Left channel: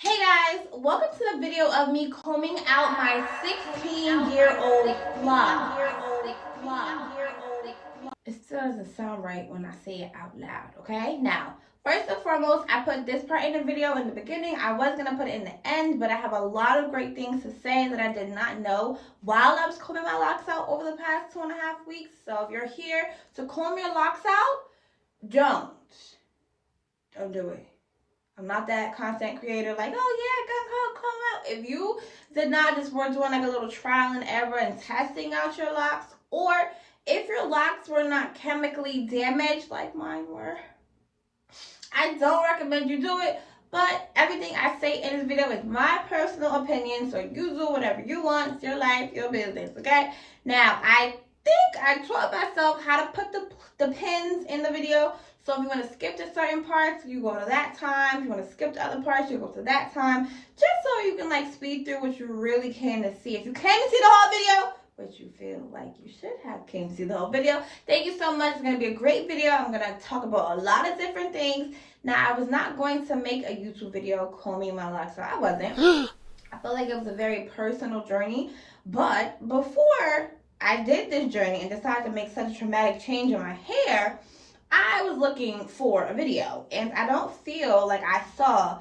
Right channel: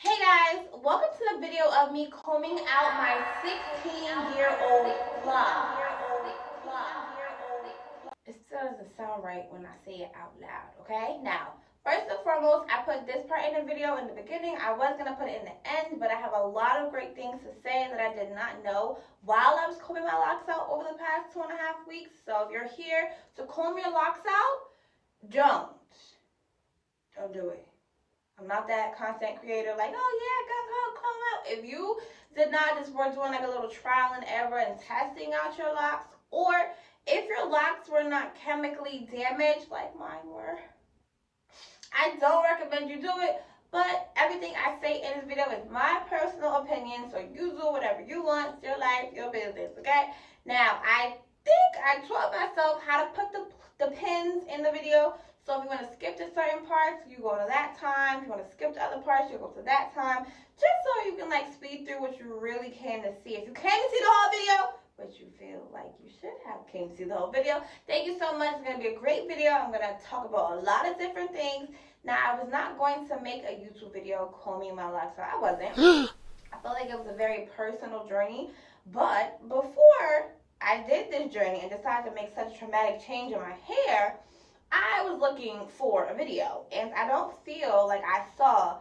Hey guys, welcome to the video of me combing out my 16-year-old vlog. It still doesn't sound right when I say it out loud, okay? Now, first and foremost, I put this part in the video in the beginning. I was going to put it in the end, but I have a lot of great things to say that I did not know while I was combing my locks out over the past 2.5 weeks. So if you're here to comb your locks out, don't do it. I'm not that content creator like, oh yeah, come out. If you did not, just were doing like a little trial and error and testing out your locks, or if your locks were not chemically damaged like mine were, I don't recommend you do it. But everything I say in this video is my personal opinion, so you do whatever you want. It's your life, your business, okay? Now, I think I taught myself how to put the pins in the video. So if you want to skip to certain parts, you go to that time. If you want to skip to other parts, you go to that time. Just so you can like speed through what you really came to see. If you came to see the whole video, but you feel like you should have came to see the whole video, thank you so much. It's going to be a great video. I'm going to talk about a lot of different things. Now, I was not going to make a YouTube video combing my locks, so I wasn't. I felt like it was a very personal journey. But before I did this journey and decided to make such a traumatic change in my hair, I was looking for a video. And I don't feel like I saw,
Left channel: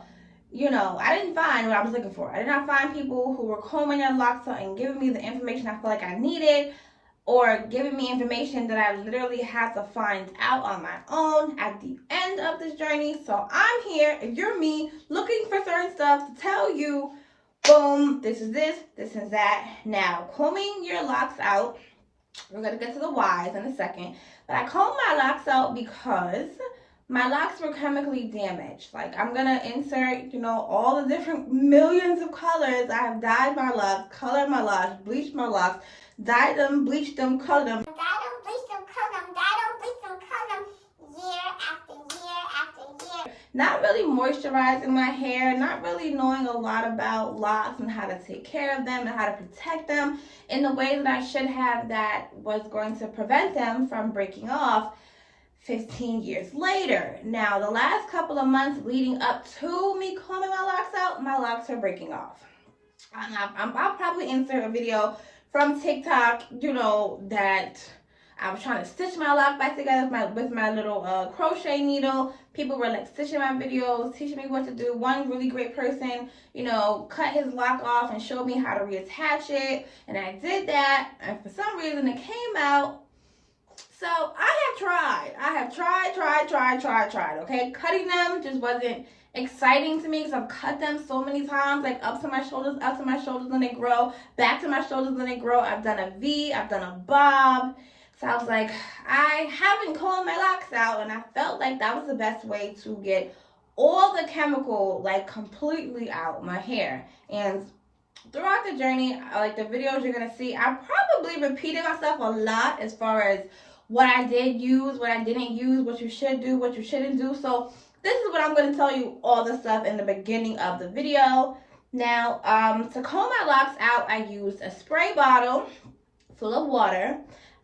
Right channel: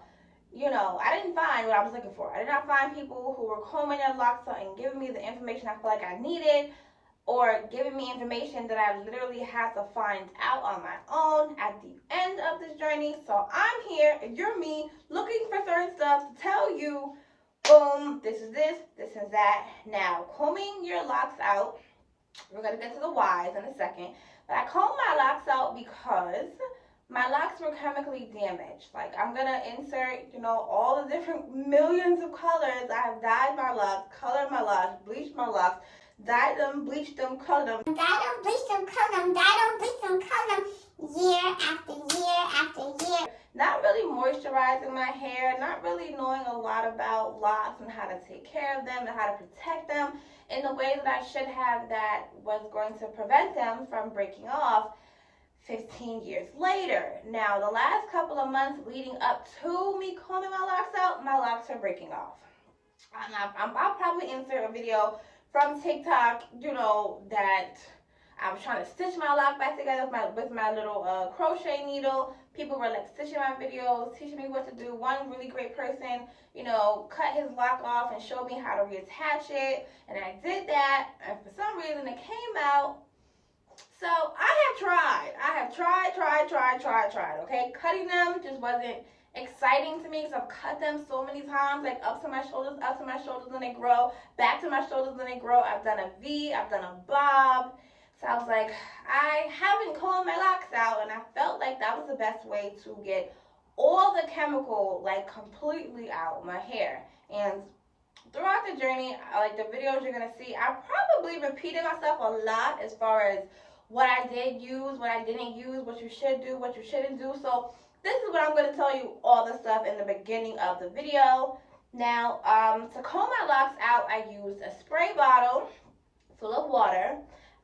I didn't find what I was looking for. I did not find people who were combing their locks out and giving me the information I feel like I needed, or giving me information that I literally had to find out on my own at the end of this journey. So I'm here, if you're me, looking for certain stuff to tell you, boom, this is this is that. Now, combing your locks out, we're going to get to the whys in a second, but I combed my locks out because my locks were chemically damaged. Like, I'm going to insert, all the different millions of colors. I have dyed my locks, colored my locks, bleached my locks, dyed them, bleached them, colored them. Year after year. Not really moisturizing my hair, not really knowing a lot about locks and how to take care of them and how to protect them in the way that I should have, that was going to prevent them from breaking off 15 years later. Now, the last couple of months leading up to me combing my locks out, my locks are breaking off. I'll probably insert a video from TikTok, that I was trying to stitch my lock back together with my little crochet needle. People were like stitching my videos, teaching me what to do. One really great person, cut his lock off and showed me how to reattach it. And I did that, and for some reason it came out. So I have tried, okay? Cutting them just wasn't exciting to me, because I've cut them so many times, like up to my shoulders, and they grow, back to my shoulders, and they grow. I've done a V, I've done a bob. So I was like, I haven't combed my locks out, and I felt like that was the best way to get all the chemical, like, completely out my hair. And throughout the journey, like the videos you're gonna see, I probably repeated myself a lot as far as what I did use, what I didn't use, what you should do, what you shouldn't do. So this is what I'm going to tell you, all the stuff in the beginning of the video. Now, to comb my locks out, I used a spray bottle full of water.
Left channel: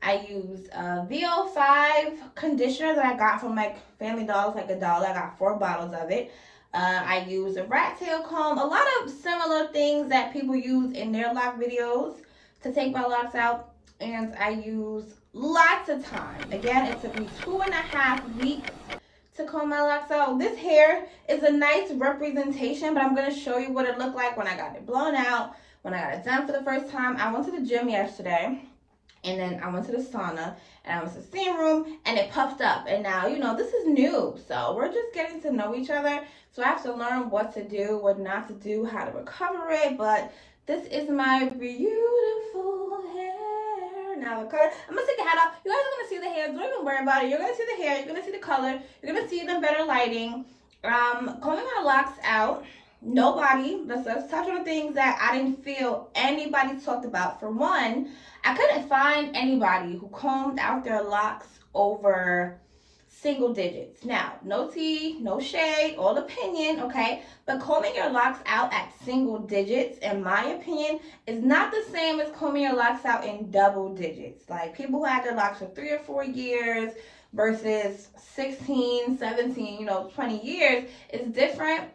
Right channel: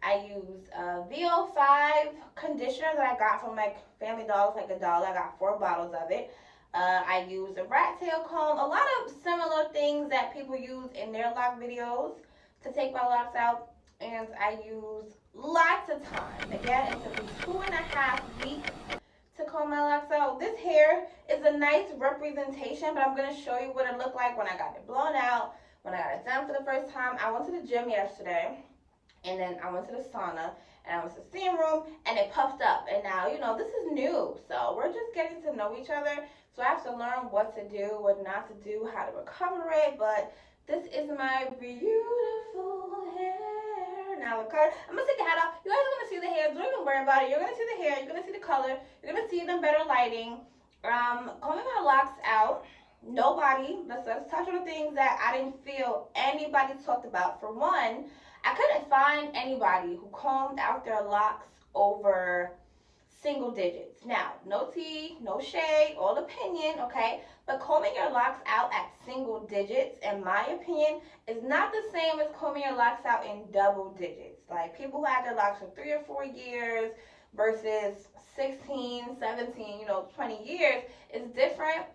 I used a VO5 conditioner that I got from like Family Dollar, like $1. I got 4 bottles of it. I used a rat tail comb, a lot of similar things that people use in their lock videos to take my locks out. And I used lots of time. Again, it took me 2.5 weeks to comb my locks out. This hair is a nice representation, but I'm going to show you what it looked like when I got it blown out, when I got it done for the first time. I went to the gym yesterday, and then I went to the sauna, and I went to the steam room, and it puffed up. And now, this is new, so we're just getting to know each other. So I have to learn what to do, what not to do, how to recover it. But this is my beautiful hair. Now I'm gonna take the hat off. You guys are gonna see the hair. Don't even worry about it. You're gonna see the hair. You're gonna see the color. You're gonna see the better lighting. Combing my locks out. Nobody. Let's touch on the things that I didn't feel anybody talked about. For one, I couldn't find anybody who combed out their locks over single digits. Now, no tea, no shade, all opinion, okay? But combing your locks out at single digits, in my opinion, is not the same as combing your locks out in double digits. Like, people who had their locks for 3 or 4 years versus 16, 17, 20 years is different.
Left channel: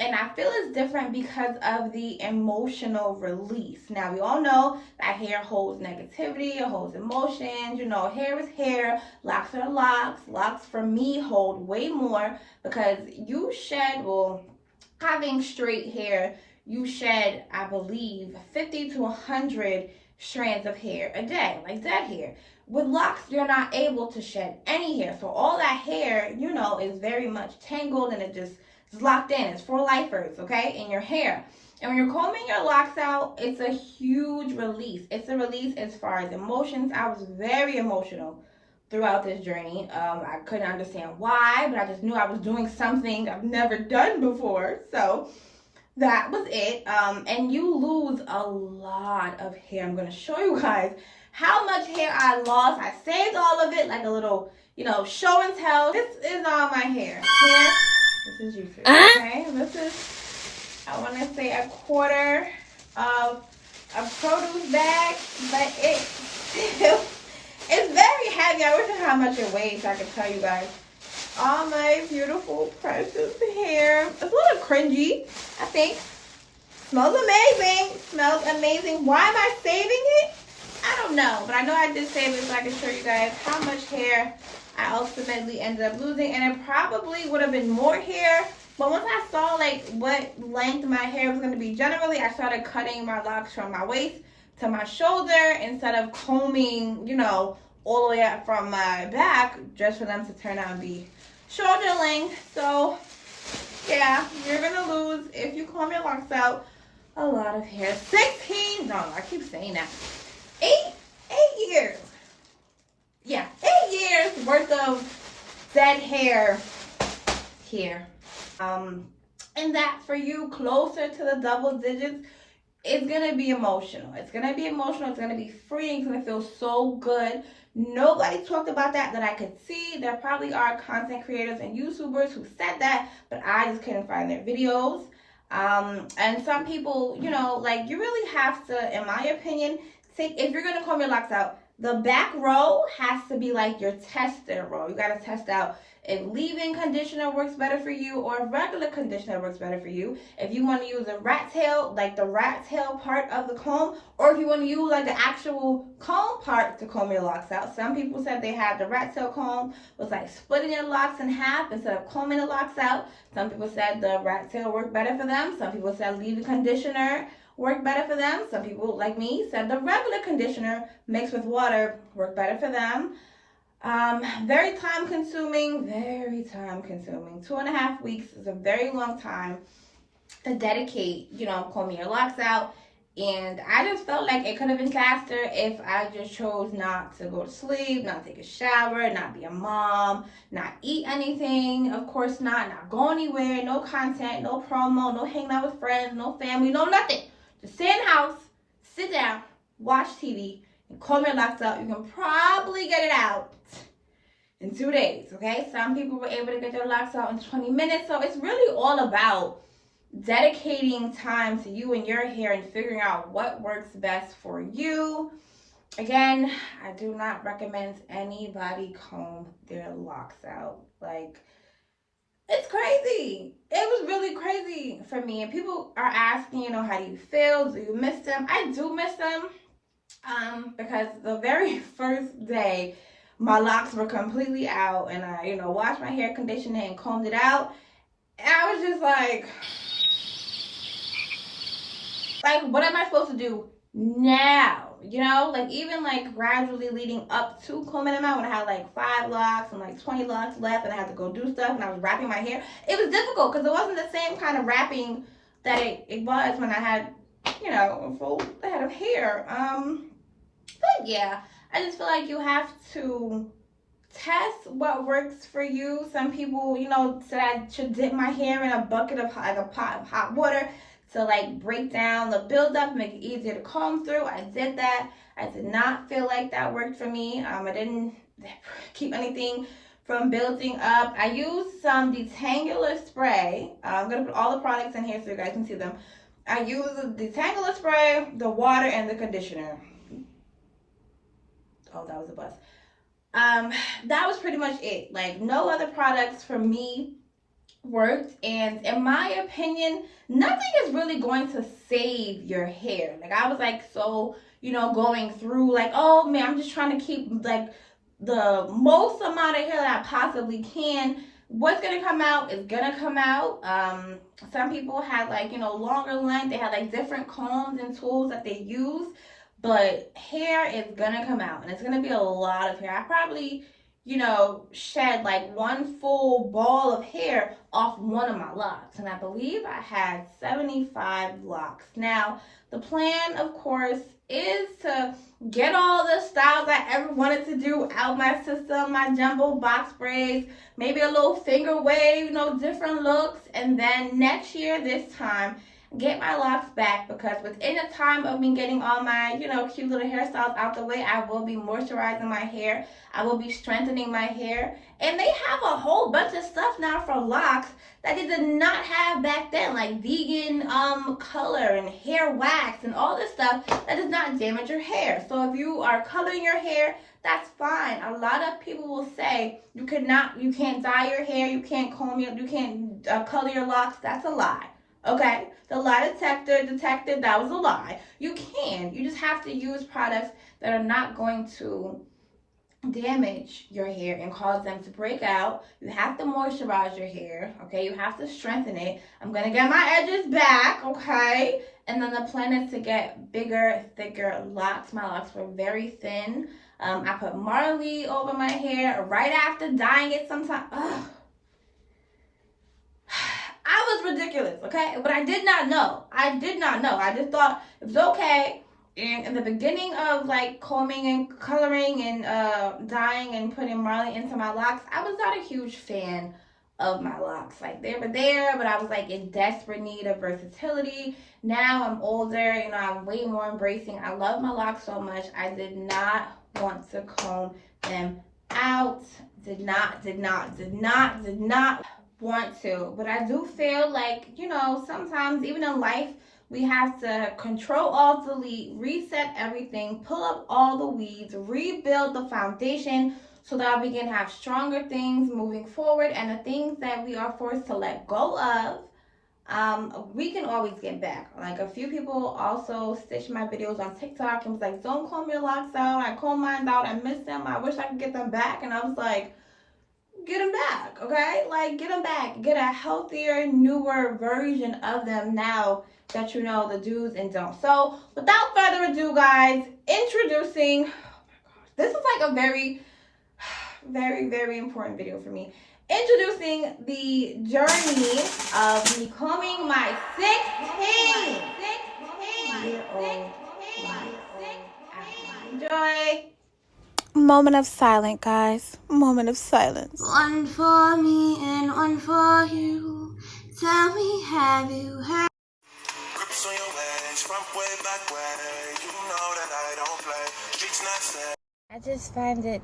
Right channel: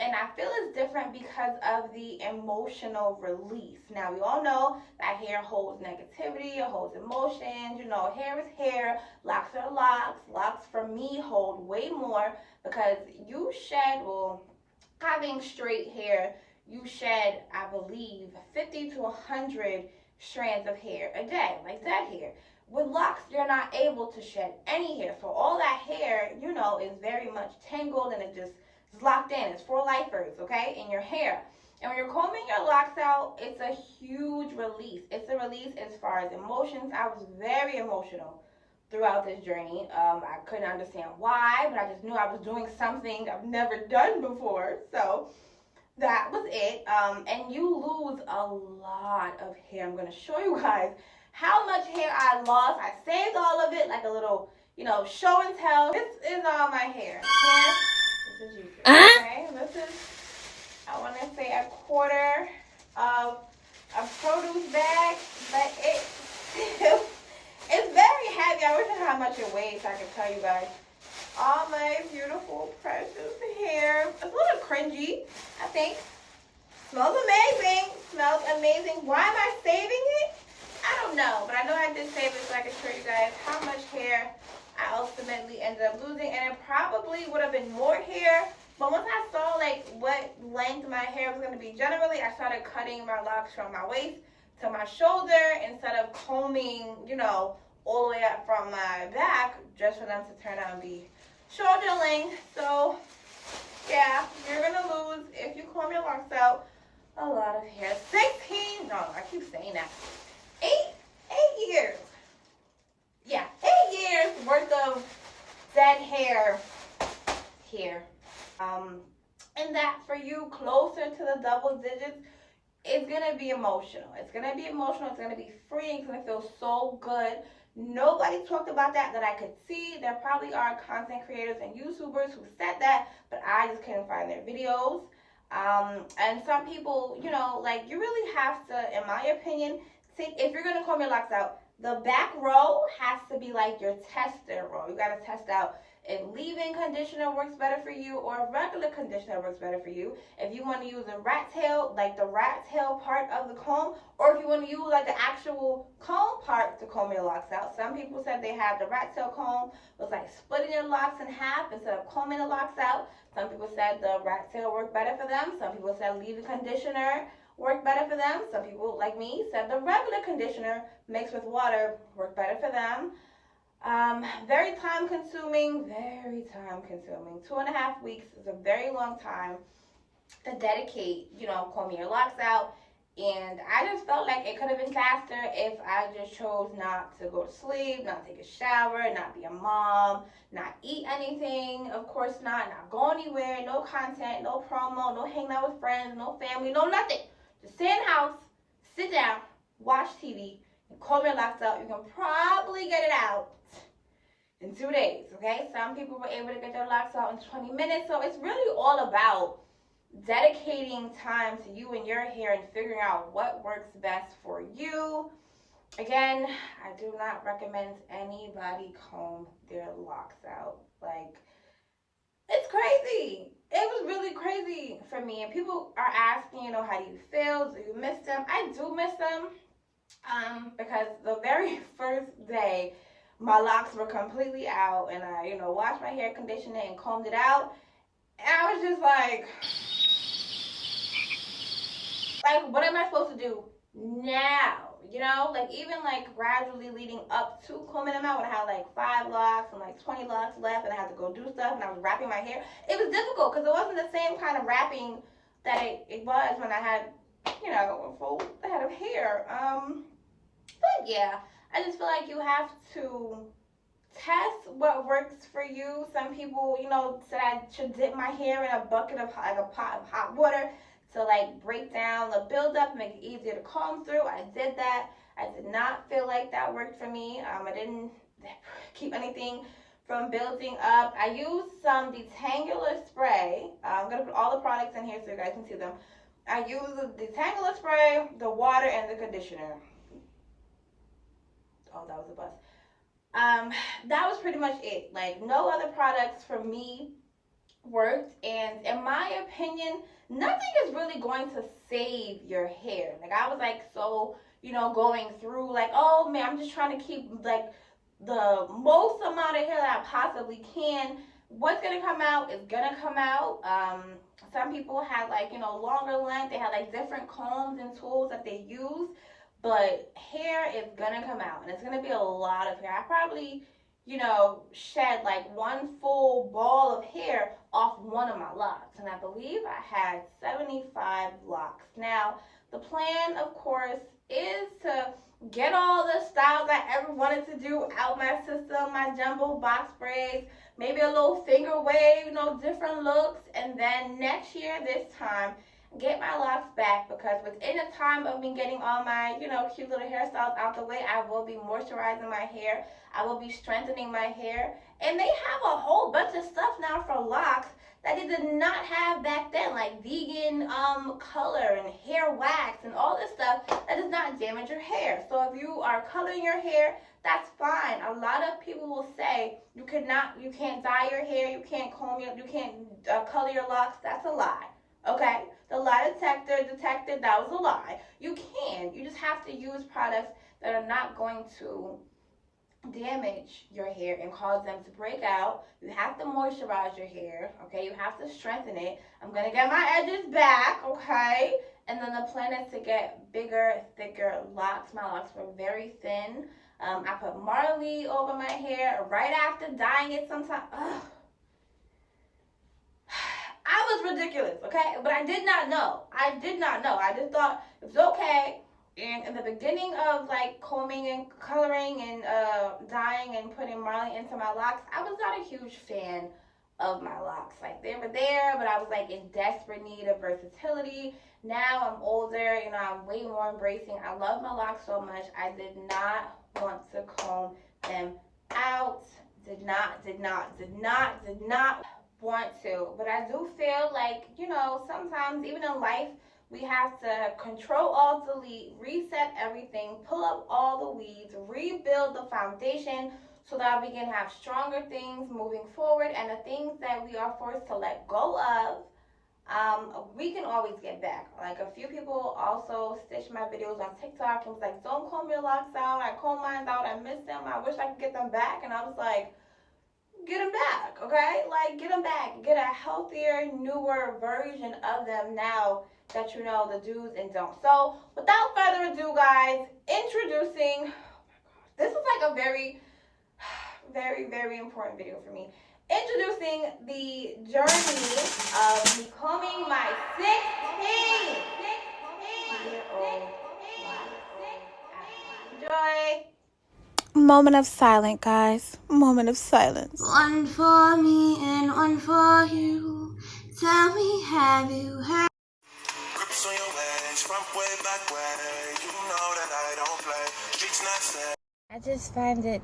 And I feel it's different because of the emotional release. Now, we all know that hair holds negativity, it holds emotions. You know, hair is hair, locks are locks. Locks for me hold way more because you shed, well, having straight hair, you shed, I believe, 50 to 100 strands of hair a day, like dead hair. With locks, you're not able to shed any hair. So all that hair, you know, is very much tangled and it just is locked in. It's for lifers, okay, in your hair. And when you're combing your locks out, it's a huge release. It's a release as far as emotions. I was very emotional throughout this journey. I couldn't understand why, but I just knew I was doing something I've never done before. So that was it. And you lose a lot of hair. I'm gonna show you guys how much hair I lost. I saved all of it like a little, you know, show and tell. This is all my hair. This is YouTube. Okay, this is, I want to say, a quarter of a produce bag, but it still, it's very heavy. I wish I had how much it weighs so I could tell you guys. All my beautiful, precious hair. It's a little cringy, I think. Smells amazing. Smells amazing. Why am I saving it? I don't know, but I know I did save it so I can show you guys how much hair I ultimately ended up losing. And it probably would have been more hair, but once I saw like what length my hair was going to be generally, I started cutting my locks from my waist to my shoulder instead of combing, you know, all the way up from my back just for them to turn out and be shoulder length. So yeah, you're going to lose, if you comb your locks out, a lot of hair. 16, no, I keep saying that. 8 years. Yeah, 8 years worth of dead hair here. And that for you closer to the double digits, it's gonna be emotional. It's gonna be emotional. It's gonna be freeing. It's gonna feel so good. Nobody talked about that I could see. There probably are content creators and YouTubers who said that, but I just couldn't find their videos. And some people, you know, like you really have to, in my opinion, take, if you're gonna comb your locks out, the back row has to be like your tester row. You gotta test out if leave-in conditioner works better for you or if regular conditioner works better for you. If you want to use a rat tail, like the rat tail part of the comb, or if you want to use like the actual comb part to comb your locks out. Some people said they had the rat tail comb was like splitting your locks in half instead of combing the locks out. Some people said the rat tail worked better for them. Some people said leave-in conditioner worked better for them. Some people, like me, said the regular conditioner mixed with water worked better for them. Very time consuming, very time consuming. 2.5 weeks is a very long time to dedicate, you know, combing your locks out. And I just felt like it could have been faster if I just chose not to go to sleep, not take a shower, not be a mom, not eat anything, of course not go anywhere, no content, no promo, no hanging out with friends, no family, no nothing. Just stay in the house, sit down, watch TV, and comb your locks out. You can probably get it out in 2 days, okay? Some people were able to get their locks out in 20 minutes. So it's really all about dedicating time to you and your hair and figuring out what works best for you. Again, I do not recommend anybody comb their locks out. Like, it's crazy. It was really crazy for me. And people are asking, you know, how do you feel? Do you miss them? I do miss them. Because the very first day my locks were completely out and I, you know, washed my hair, conditioned it, and combed it out. And I was just like, what am I supposed to do now? You know, like even like gradually leading up to combing them out when I had like 5 locks and like 20 locks left and I had to go do stuff and I was wrapping my hair. It was difficult because it wasn't the same kind of wrapping that it was when I had, you know, a full head of hair. But yeah, I just feel like you have to test what works for you. Some people, you know, said I should dip my hair in a bucket of like a pot of hot water to like break down the buildup, make it easier to comb through. I did that. I did not feel like that worked for me. I didn't keep anything from building up. I used some detangler spray. I'm gonna put all the products in here so you guys can see them. I used the detangler spray, the water, and the conditioner. Oh, that was a bus. That was pretty much it. Like no other products for me worked, and in my opinion, nothing is really going to save your hair. Like, I was like, so, you know, going through like, oh man, I'm just trying to keep like the most amount of hair that I possibly can. What's gonna come out is gonna come out. Some people had like, you know, longer length. They had like different combs and tools that they use, but hair is gonna come out, and it's gonna be a lot of hair. I probably, you know, shed like one full ball of hair off one of my locks, and I believe I had 75 locks. Now, the plan, of course, is to get all the styles I ever wanted to do out my system, my jumbo box braids, maybe a little finger wave, you know, different looks, and then next year, this time, get my locks back, because within the time of me getting all my, you know, cute little hairstyles out the way, I will be moisturizing my hair. I will be strengthening my hair. And they have a whole bunch of stuff now for locks that they did not have back then, like vegan color and hair wax and all this stuff that does not damage your hair. So if you are coloring your hair, that's fine. A lot of people will say you can't dye your hair, you can't comb your, you can't color your locks. That's a lie. Okay, the lie detected that was a lie. You can. You just have to use products that are not going to damage your hair and cause them to break out. You have to moisturize your hair, okay? You have to strengthen it. I'm gonna get my edges back, okay? And then the plan is to get bigger, thicker locks. My locks were very thin. I put Marley over my hair right after dyeing it sometime. Ugh. I was ridiculous, okay? But I did not know. I did not know. I just thought it was okay. And in the beginning of like combing and coloring and dyeing and putting Marley into my locks, I was not a huge fan of my locks. Like, they were there, but I was like in desperate need of versatility. Now I'm older, you know, I'm way more embracing. I love my locks so much. I did not want to comb them out. Did not want to. But I do feel like, you know, sometimes even in life, we have to control alt delete, reset everything, pull up all the weeds, rebuild the foundation so that we can have stronger things moving forward, and the things that we are forced to let go of, we can always get back. Like, a few people also stitched my videos on TikTok and was like, don't comb your locks out. I comb mine out. I miss them. I wish I could get them back. And I was like, get them back, okay? Like, get them back. Get a healthier, newer version of them now that you know the do's and don'ts. So, without further ado, guys, introducing, this is like a very, very important video for me. Introducing the journey of me combing my 16-year-old. Enjoy. Moment of silence, guys. Moment of silence. One for me and one for you. Tell me, have you heard? Grips on your legs, front way, back way. You know that I don't play. Streets not safe. I just find it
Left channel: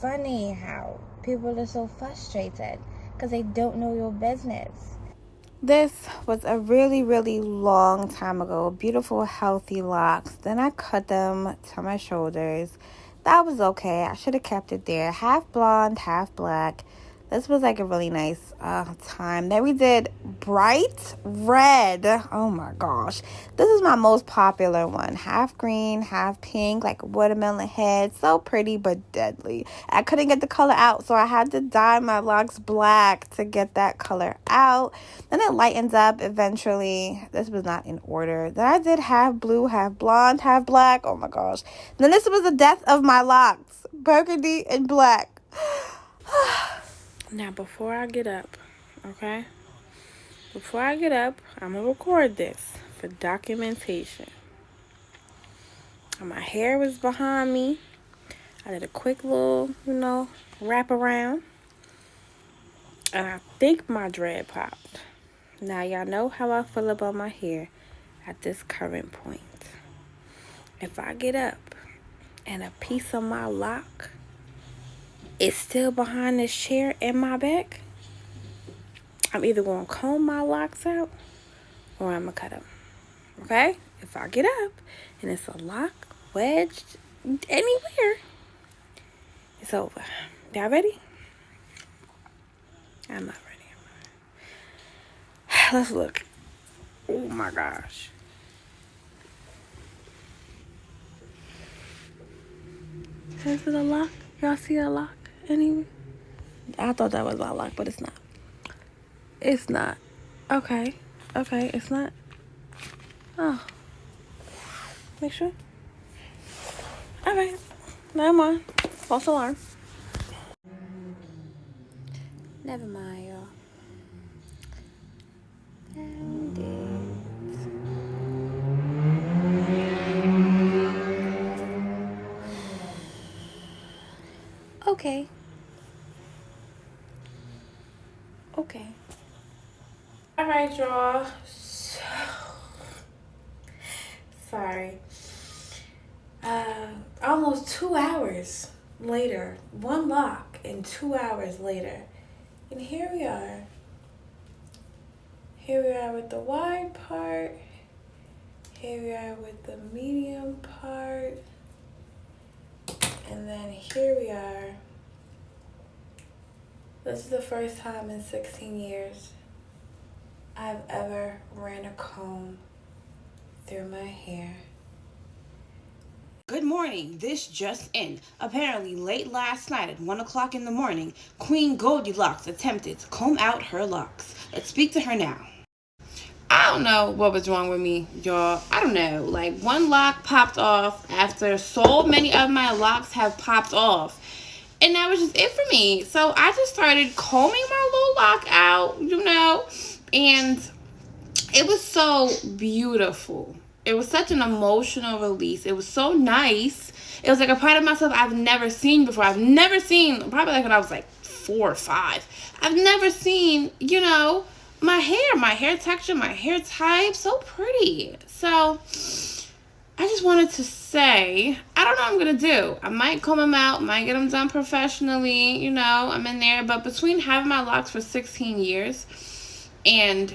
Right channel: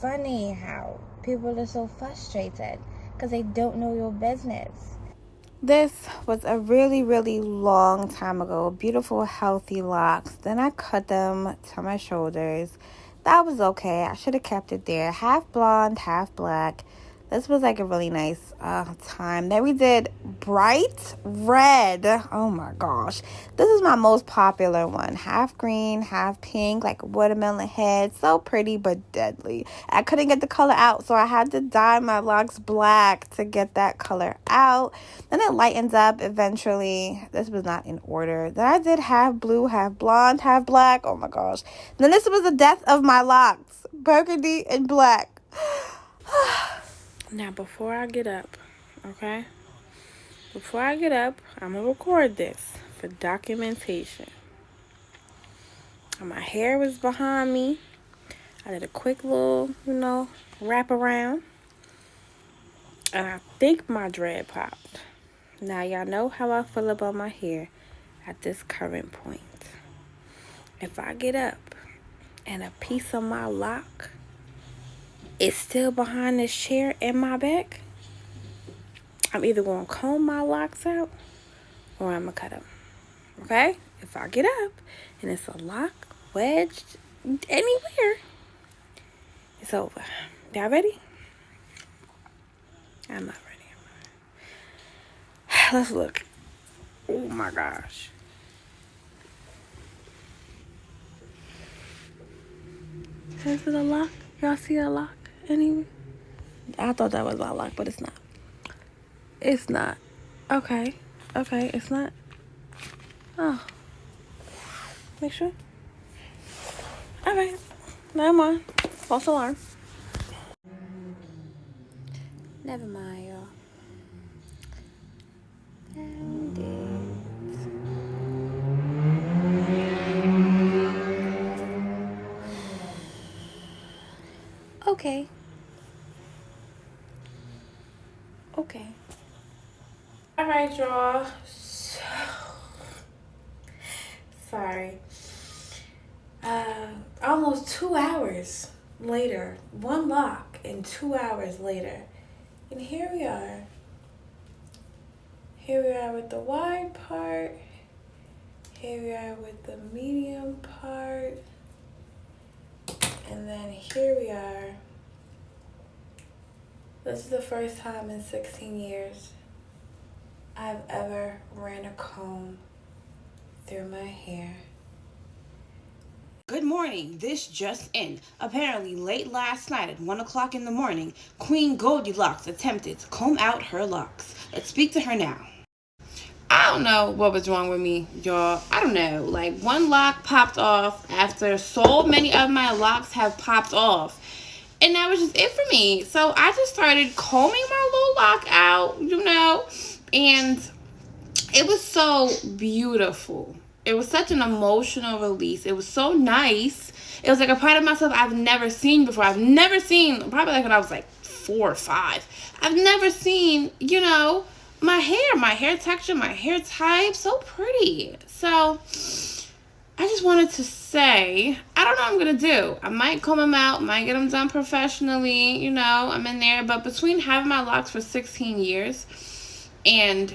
funny how people are so frustrated because they don't know your business. This was a really long time ago. Beautiful, healthy locks. Then I cut them to my shoulders. That was okay. I should have kept it there. Half blonde, half black. This was like a really nice time. Then we did bright red. Oh my gosh. This is my most popular one. Half green, half pink, like a watermelon head. So pretty but deadly. I couldn't get the color out, so I had to dye my locks black to get that color out. Then it lightens up eventually. This was not in order. Then I did half blue, half blonde, half black. Oh my gosh. Then this was the death of my locks. Burgundy and black. Now, before I get up, okay? Before I get up, I'm going to record this for documentation. And my hair was behind me. I did a quick little, you know, wrap around. And I think my dread popped. Now, y'all know how I feel about my hair at this current point. If I get up and a piece of my lock is still behind this chair in my back, I'm either going to comb my locks out or I'm going to cut them. Okay? If I get up and it's a lock wedged anywhere, it's over. Y'all ready? I'm not ready. Let's look. Oh my gosh. Is it a lock? Y'all see a lock? Any? I thought that was a lock, but it's not. It's not. Okay. Okay, it's not. Oh. Make sure. Alright. Never mind. False alarm. Never mind, y'all. Found it. Okay. Okay. Alright, y'all. Sorry. Almost 2 hours later. One lock and 2 hours later. And here we are. Here we are with the wide part. Here we are with the medium part. And then here we are. This is the first time in 16 years I've ever ran a comb through my hair. Good morning. This just in. Apparently, late last night at 1 o'clock in the morning, Queen Goldilocks attempted to comb out her locks. Let's speak to her now. I don't know what was wrong with me, y'all. I don't know. Like, one lock popped off after so many of my locks have popped off. And that was just it for me. So I just started combing my little lock out, and it was so beautiful. It was such an emotional release. It was so nice. It was like a part of myself I've never seen before. I've never seen, probably like when I was like 4 or 5. I've never seen, my hair texture, my hair type, so pretty. So I just wanted to say, I don't know what I'm going to do. I might comb them out, might get them done professionally, I'm in there. But between having my locks for 16 years and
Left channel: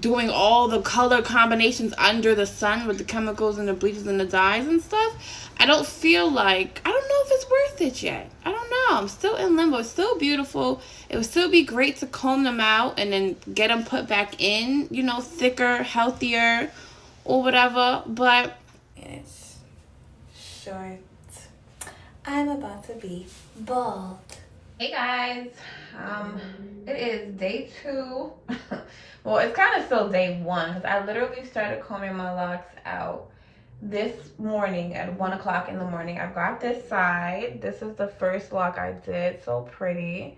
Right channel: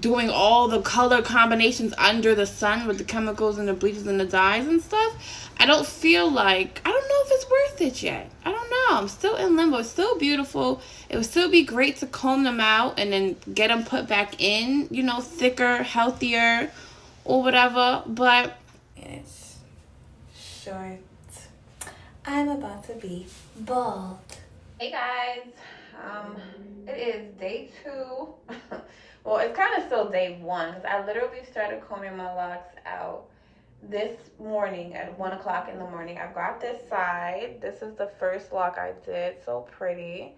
doing all the color combinations under the sun with the chemicals and the bleaches and the dyes and stuff, I don't know if it's worth it yet. I don't know. I'm still in limbo. It's still beautiful. It would still be great to comb them out and then get them put back in, thicker, healthier, or whatever. But it's short. I'm about to be bald. Hey guys, it is day 2. Well, it's kind of still day 1 because I literally started combing my locks out this morning at 1 o'clock in the morning. I've got this side. This is the first lock I did. So pretty.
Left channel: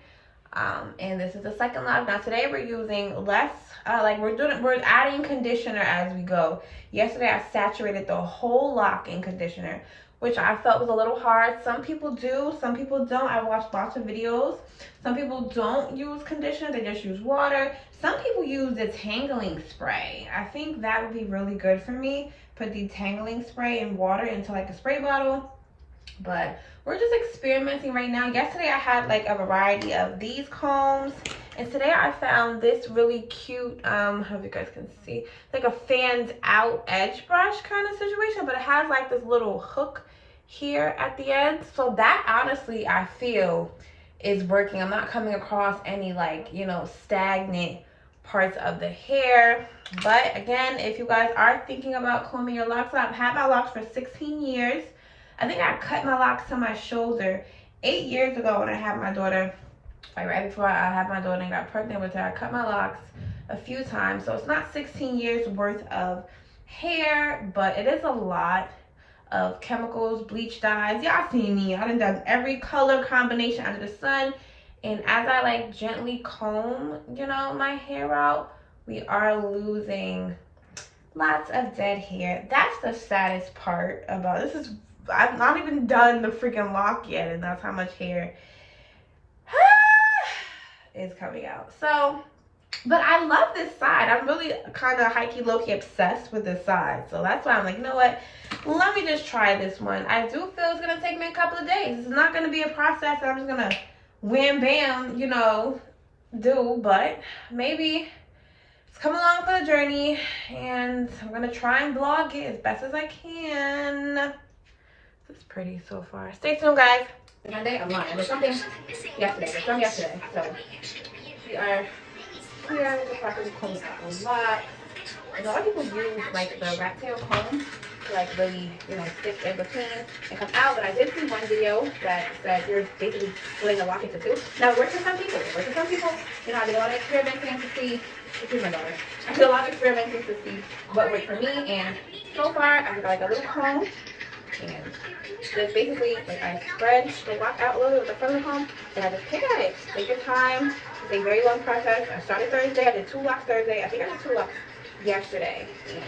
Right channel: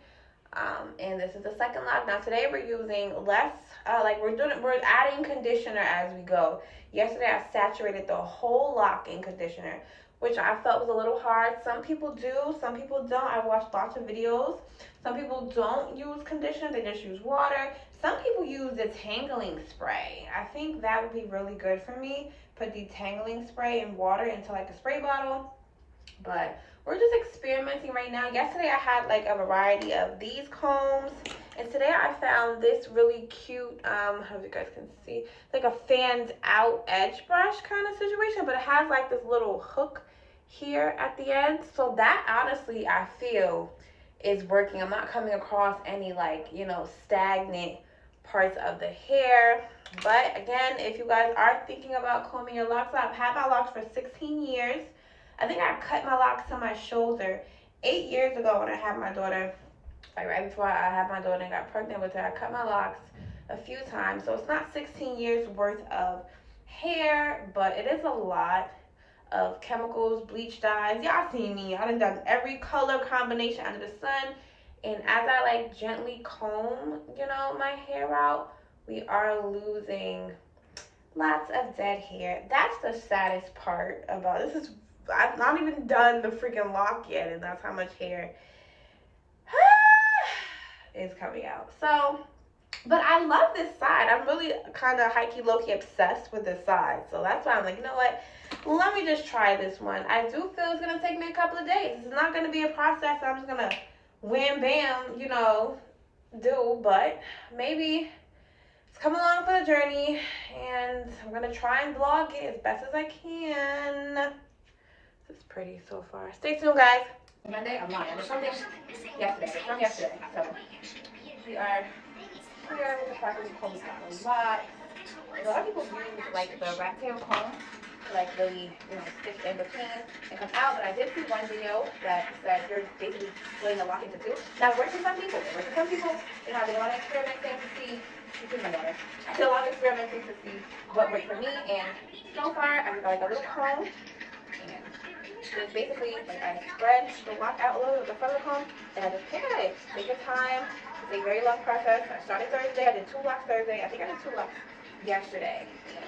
And this is the second lock. Now today we're using less, we're adding conditioner as we go. Yesterday I saturated the whole lock in conditioner, which I felt was a little hard. Some people do, some people don't. I watched lots of videos. Some people don't use conditioner, they just use water. Some people use detangling spray. I think that would be really good for me. Put detangling spray and water into like a spray bottle. But we're just experimenting right now. Yesterday I had like a variety of these combs, and today I found this really cute, I hope you guys can see, like a fanned out edge brush kind of situation, but it has like this little hook here at the end. So that honestly I feel is working. I'm not coming across any stagnant parts of the hair. But again, if you guys are thinking about combing your locks out, I've had my locks for 16 years. I think I cut my locks to my shoulder 8 years ago when I had my daughter. Like right before I had my daughter and got pregnant with her, I cut my locks a few times. So it's not 16 years worth of hair, but it is a lot of chemicals, bleach dyes. Y'all see me. I done every color combination under the sun. And as I gently comb, my hair out, we are losing lots of dead hair. That's the saddest part about this. I've not even done the freaking lock yet, and that's how much hair is coming out. So, but I love this side. I'm really kind of high-key, low-key obsessed with this side. So that's why I'm like, you know what? Let me just try this one. I do feel it's going to take me a couple of days. It's not going to be a process I'm just going to wham, bam, do. But maybe come along for the journey, and I'm gonna try and vlog it as best as I can. It's pretty so far. Stay tuned, guys. Monday, I'm lying. There's something yesterday. It's from yesterday. So we are here. The property combs out a lot. And a lot of people use like the rat tail comb to like really, stick in between and come out. But I did see one video that said you're basically splitting a lock into two. Now it works for some people. It works for some people. I did a lot of experimenting to see. Excuse my daughter. I did a lot of experimenting to see what worked for me, and so far I got like a little comb, and just basically like I spread the lock out a little bit with the front of the comb, and I just pick at it. Take your time. It's a very long process. I started Thursday. I did 2 locks Thursday. I think I did 2 locks yesterday. And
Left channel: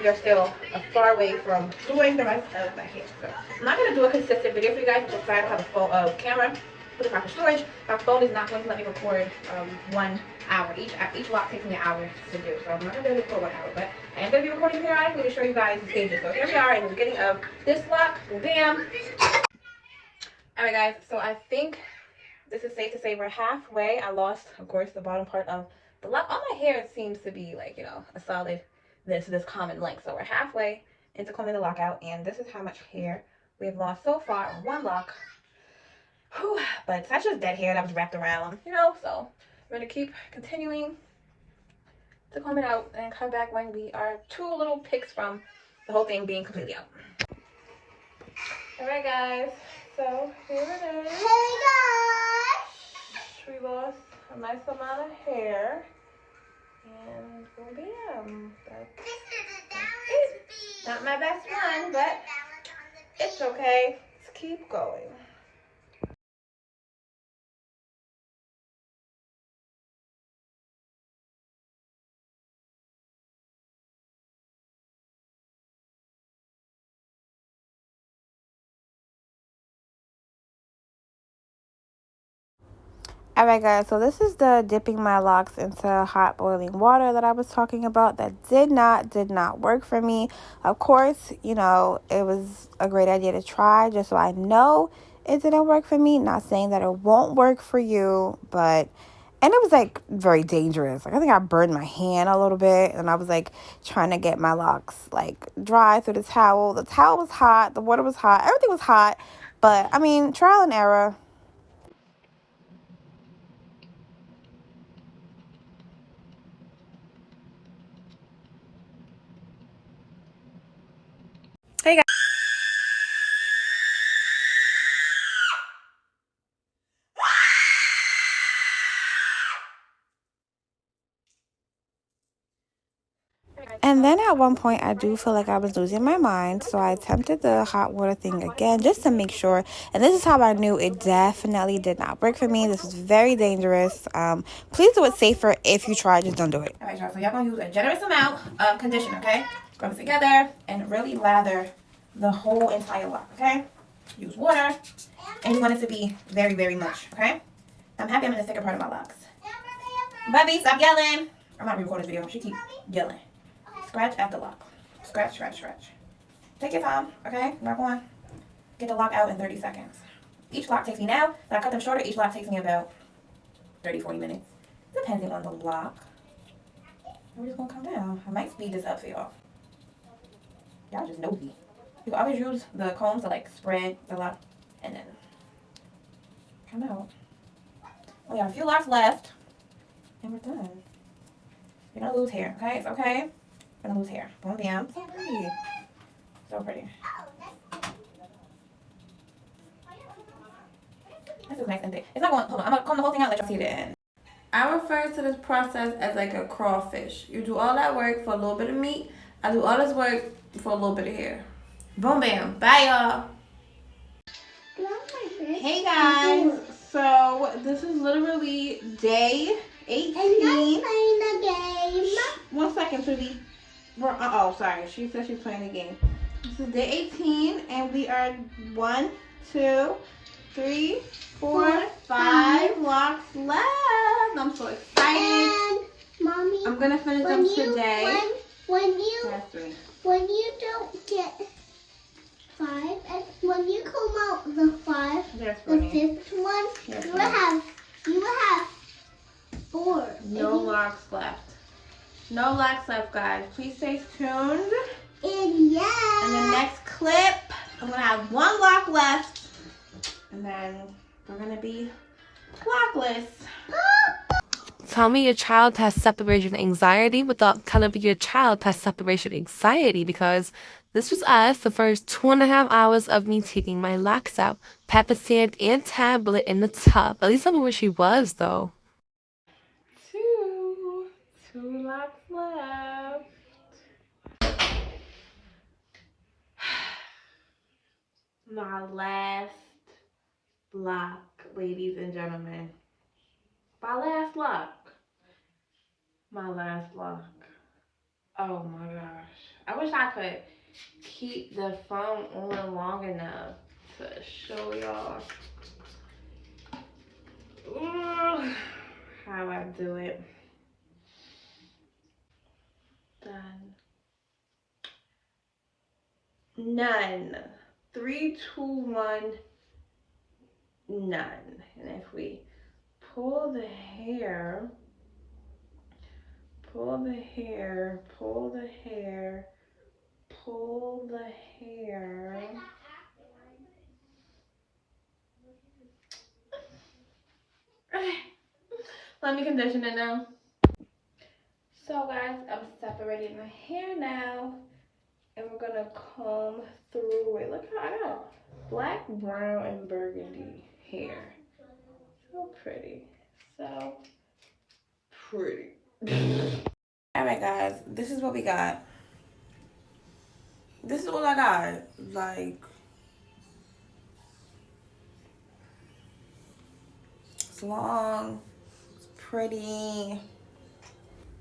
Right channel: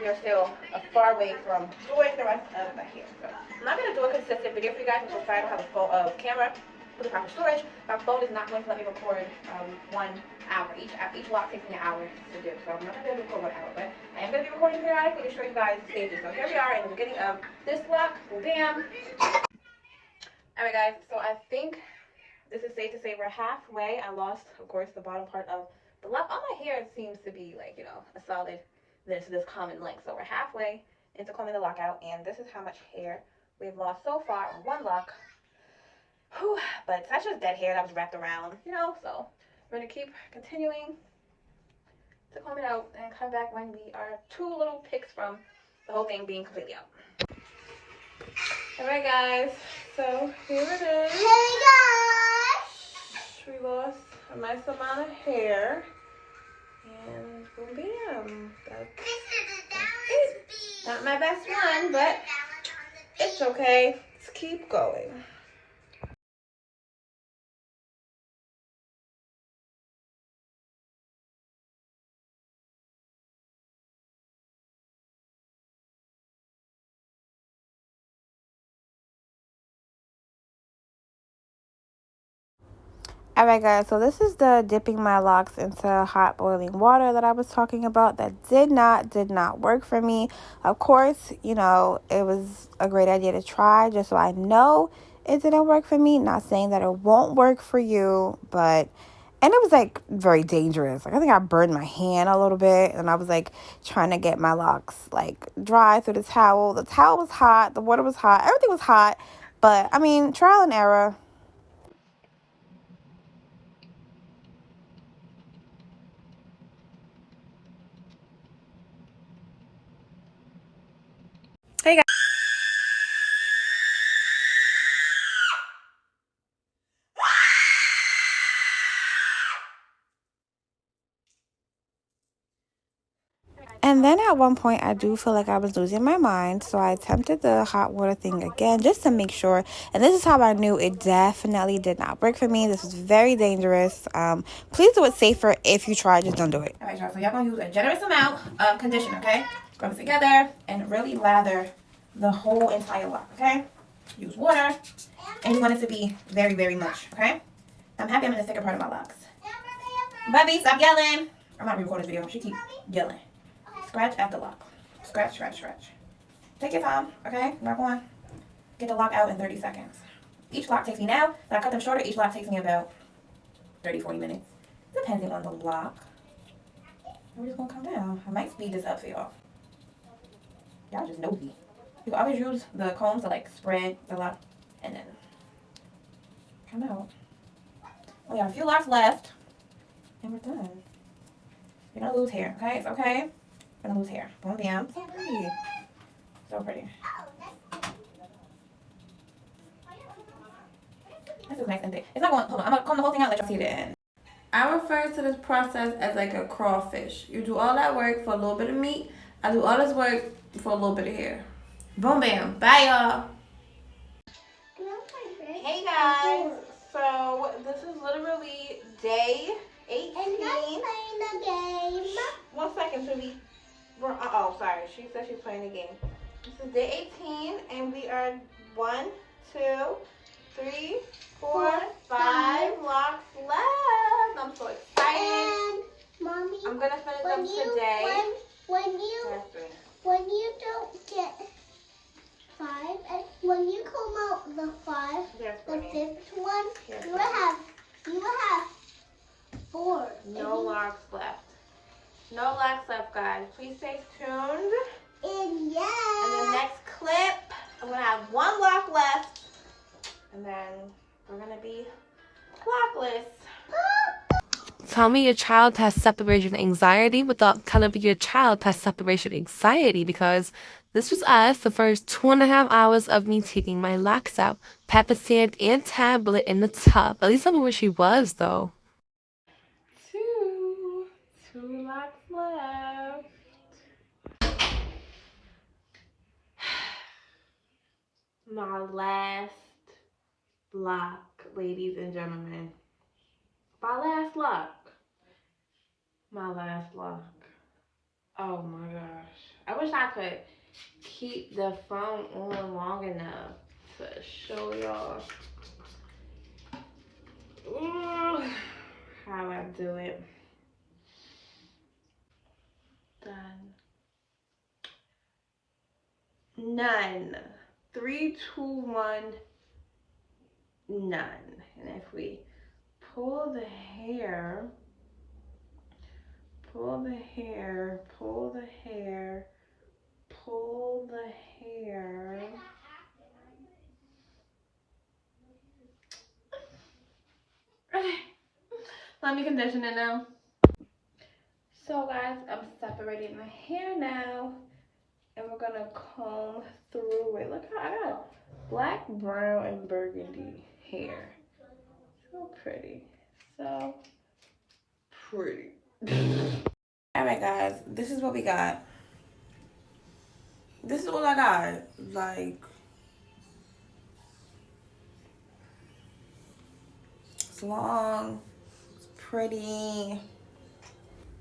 we are still a far away from doing the rest of my hair. So I'm not going to do a consistent video for you guys. I'm excited to have a full camera with the proper storage. My phone is not going to let me record 1 hour. Each lock takes me an hour to do. So I'm not going to do it for 1 hour. But I am going to be recording periodically to show you guys the stages. So here we are in the beginning of this lock. Bam. Alright guys, so I think this is safe to say we're halfway. I lost, of course, the bottom part of the lock. All my hair seems to be like, a solid this common length. So we're halfway into combing the lock out, and this is how much hair we have lost so far on one lock. Whew, but that's just dead hair that was wrapped around, so we're going to keep continuing to comb it out and come back when we are 2 little picks from the whole thing being completely out. Alright guys, so here it is. Hey guys! We lost a nice amount of hair. And boom bam. That's it. Not my best one, but it's okay. Let's keep going. Alright guys, so this is the dipping my locks into hot boiling water that I was talking about that did not work for me. Of course, it was a great idea to try just so I know it didn't work for me. Not saying that it won't work for you, and it was like very dangerous. Like I think I burned my hand a little bit, and I was like trying to get my locks like dry through the towel. The towel was hot, the water was hot, everything was hot, but I mean, trial and error. Hey guys. And then at one point, I do feel like I was losing my mind. So I attempted the hot water thing again just to make sure. And this is how I knew it definitely did not work for me. This is very dangerous. Please do it safer if you try. Just don't do it. All right, y'all. So y'all going to use a generous amount of conditioner, okay? Rub it together and really lather the whole entire lock, okay? Use water. And you want it to be very, very much, okay? I'm happy I'm in the thicker part of my locks. Bubby, stop yelling. I'm not recording this video. She keeps yelling. Scratch at the lock. Scratch, scratch, scratch. Take your time, okay? Not going. Get the lock out in 30 seconds. Each lock takes me now, that I cut them shorter, each lock takes me about 30, 40 minutes. Depending on the lock. We're just gonna come down. I might speed this up for y'all. Y'all just nosy. You can always use the comb to like spread the lock and then come out. We got a few locks left. And we're done. You're gonna lose hair, okay? It's okay. Gonna lose hair. Boom, bam. So pretty. So pretty. This is nice and thick. It's not going. Hold on. I'm gonna comb the whole thing out and let y'all see the end. I refer to this process as like a crawfish. You do all that work for a little bit of meat. I do all this work for a little bit of hair. Boom, bam. Bye, y'all. Hey guys. So this is literally day 18. And I'm playing the game. 1 second, sweetie. Sorry. She said she's playing the game. This is day 18, and we are 1, 2, 3, 4, 5 locks left. I'm so excited. And mommy, I'm gonna finish them today. When you don't get 5, and when you come out the 5, the 5th one, you will have 4. No locks left. No locks left, guys. Please stay tuned. And yeah. In the next clip, I'm gonna have 1 lock left, and then we're gonna be lockless. tell me your child has separation anxiety without telling me your child has separation anxiety, because this was us the first 2.5 hours of me taking my locks out, pepper sand and tablet in the tub. At least tell me where she was, though. Two locks left. My last block, ladies and gentlemen. My last lock. My last lock. Oh my gosh. I wish I could keep the phone on long enough to show y'all how I do it. Done. None. 3, 2, 1, none. And if we pull the hair, pull the hair, pull the hair, pull the hair. Let me condition it now. So guys, I'm separating my hair now. And we're gonna comb through it. Look how I got black, brown, and burgundy hair. So pretty. So pretty. Alright guys, this is what we got. This is what I got. Like, it's long, it's pretty.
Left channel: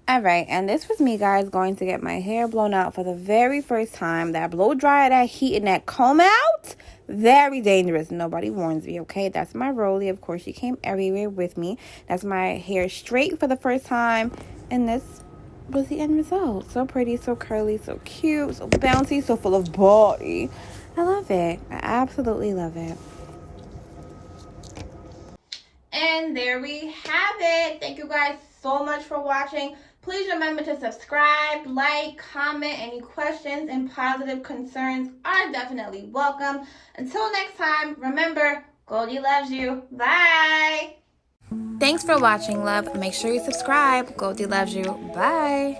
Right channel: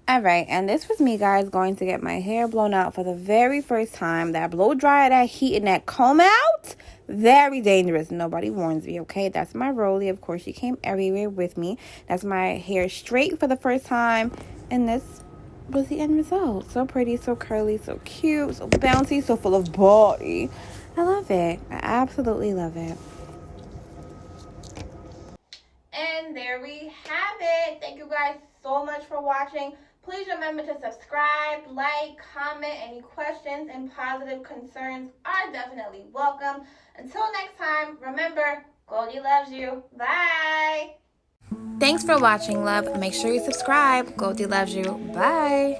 Alright, and this was me, guys, going to get my hair blown out for the very first time. That blow dryer, that heat, and that comb out, very dangerous. Nobody warns me, okay? That's my Rollie. Of course, she came everywhere with me. That's my hair straight for the first time. And this was the end result. So pretty, so curly, so cute, so bouncy, so full of body. I love it. I absolutely love it. And there we have it. Thank you guys so much for watching. Please remember to subscribe, like, comment. Any questions and positive concerns are definitely welcome. Until next time, remember, Goldie loves you. Bye. Thanks for watching, love. Make sure you subscribe. Goldie loves you. Bye.